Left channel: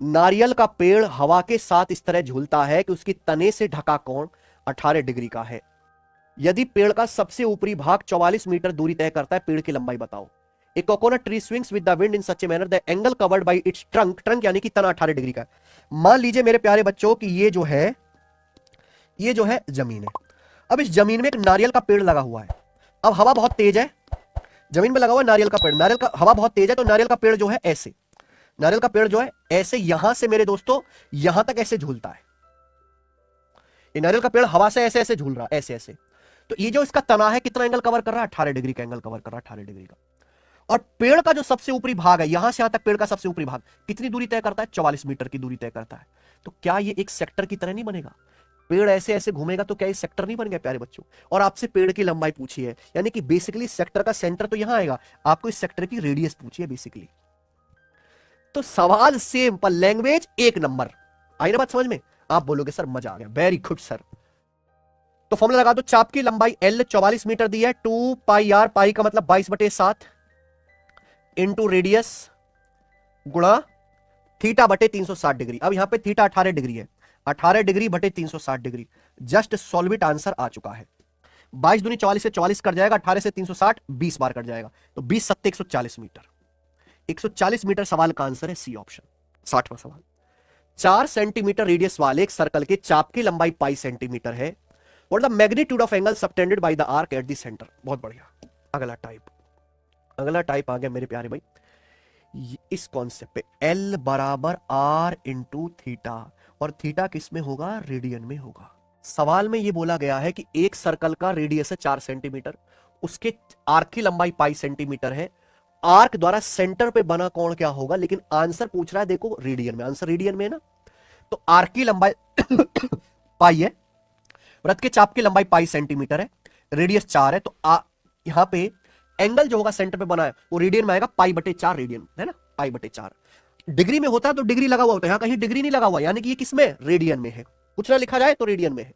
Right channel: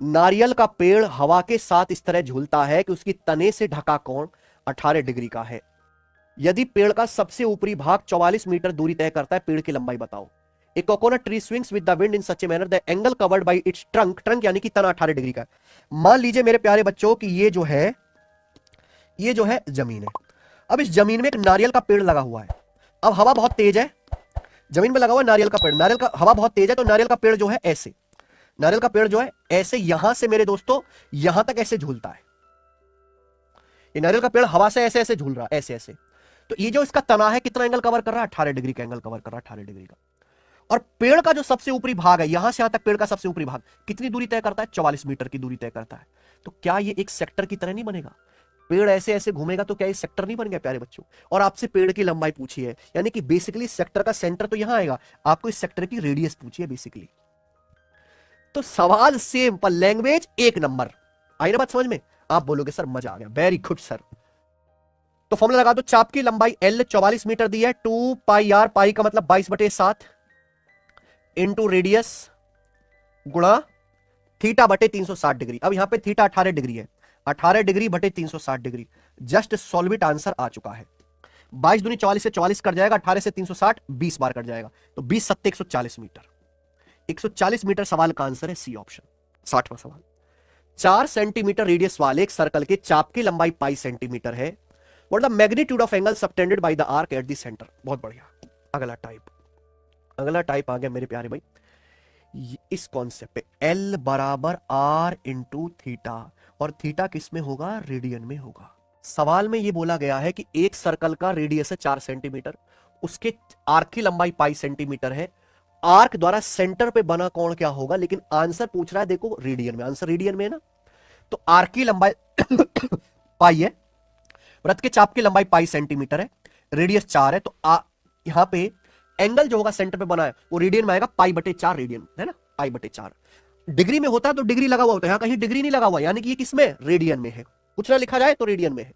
नारियल का पेड़ हवा के साथ इस तरह झूलता है कि उसके तने से ढका कोण 18 डिग्री का है। यदि पेड़ का सबसे ऊपरी भाग 44 मीटर दूरी तय करता है, पेड़ की लंबाई बताओ। A coconut tree swings with the wind in such a manner the angle covered by its trunk, trunk यानी कि तना 18 डिग्री का है। मान लीजिए मेरे प्यारे बच्चों कि ये जो है जमीन है। अब इस जमीन में एक नारियल का पेड़ लगा हुआ है। अब हवा बहुत तेज है, जमीन में लगा हुआ नारियल का पेड़, नारियल का हवा बहुत तेज है, तो नारियल का पेड़ जो है ऐसे, नारियल का पेड़ जो है ऐसे यहां से मेरे दोस्तों यहां तक ऐसे झूलता है। ये नारियल का पेड़ हवा से ऐसे ऐसे झूल रहा है, ऐसे ऐसे। तो ये जो इसका तना है कितना एंगल कवर कर रहा है? 18 डिग्री का एंगल कवर कर रहा है, 18 डिग्री का। और पेड़ का जो सबसे ऊपरी भाग है, यहां से यहां तक पेड़ का सबसे ऊपरी भाग कितनी दूरी तय करता है? 44 मीटर की दूरी तय करता है। तो क्या ये एक सेक्टर की तरह नहीं बनेगा? पेड़ ऐसे ऐसे घूमेगा तो क्या ये सेक्टर नहीं बन गया प्यारे बच्चों? और आपसे पेड़ की लंबाई पूछी है, यानी कि बेसिकली सेक्टर का सेंटर तो यहां आएगा, आपको इस सेक्टर की रेडियस पूछी है बेसिकली। तो सवाल सिंपल, लैंग्वेज एक नंबर। आई ना बात समझ में? आप बोलोगे सर मजा आ गया, वेरी गुड सर। तो फॉर्मूला लगा दो, चाप की लंबाई एल 44 मीटर दी है, 2 पाई आर, पाई का मतलब 22/7 इंटू रेडियस गुणा थीटा बटे 360 डिग्री। अब यहां पे थीटा 18 डिग्री है, 18 डिग्री बटे 360 degree. Just solve it, answer आ चुका है। 22 दूनी 44 से 44 कट जाएगा, 18 से 360 20 बार कट जाएगा, तो 20 सत्ते 140 मीटर। 140 मीटर सवाल का आंसर है सी ऑप्शन। 60वां सवाल, 4 सेंटीमीटर रेडियस वाले एक सर्कल के चाप की लंबाई पाई सेंटीमीटर है। What the magnitude of angle subtended by the arc at the centre. बहुत बढ़िया। अगला टाइप आ गया मेरे प्यारे भाई, इस कॉन्सेप्ट पे L बराबर R इंटू थीटा, और थीटा किस में होगा? रेडियन में होगा। सवाल में ये बोला गया है कि एक सर्कल का रेडियस है 4 सेंटीमीटर, उसके आर्क की लंबाई पाई सेंटीमीटर है। आर्क द्वारा सेंटर पे बना कोण क्या होगा? लेकिन आंसर पूछ रहा है देखो रेडियन में, आंसर रेडियन में है ना। तो आर्क की लंबाई पाई है, वृत्त के चाप की लंबाई पाई सेंटीमीटर है, रेडियस 4 है, तो यहां पे एंगल जो होगा सेंटर पे बना है वो रेडियन में आएगा, पाई बटे 4 रेडियन है ना, पाई बटे 4। डिग्री में होता तो डिग्री लगा हुआ होता, यहां कहीं डिग्री नहीं लगा हुआ, यानी कि ये किसमें? रेडियन में है। कुछ ना लिखा जाए तो रेडियन में है।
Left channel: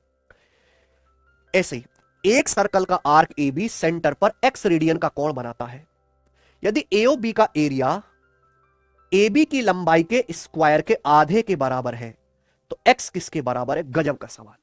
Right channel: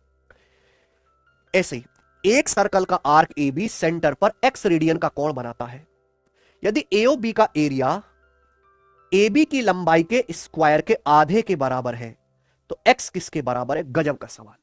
ऐसे ही एक सर्कल का आर्क ए बी सेंटर पर एक्स रेडियन का कोण बनाता है। यदि एओ बी का एरिया ए बी की लंबाई के स्क्वायर के आधे के बराबर है, तो एक्स किसके बराबर है? गजब का सवाल।